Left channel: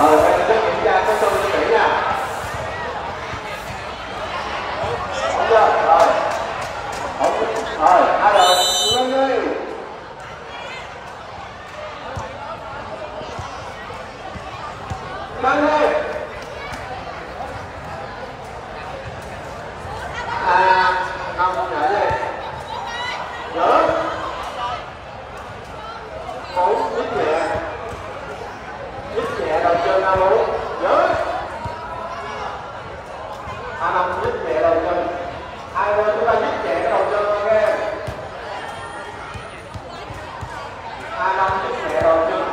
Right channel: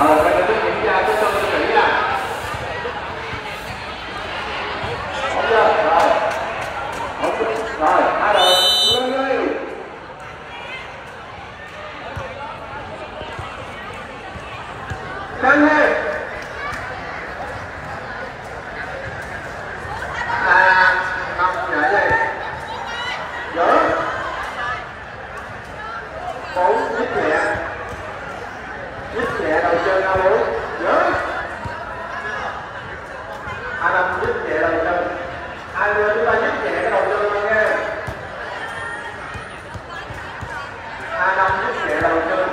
Quay trước kiểm tra số tư cho kỹ nha. Ổn chưa? Rồi. Rồi, hai đội, lên đi. Lên đi. Năm nhảy đi. Giữ. 4 nhích nhẹ. Nhích nhẹ đầu chân ra luôn. Giữ. 5 nhích nhẹ đầu chân. 20 chúng ta nhích nhẹ cái đầu chân thôi nghe. 25 nhích nhẹ đầu chân.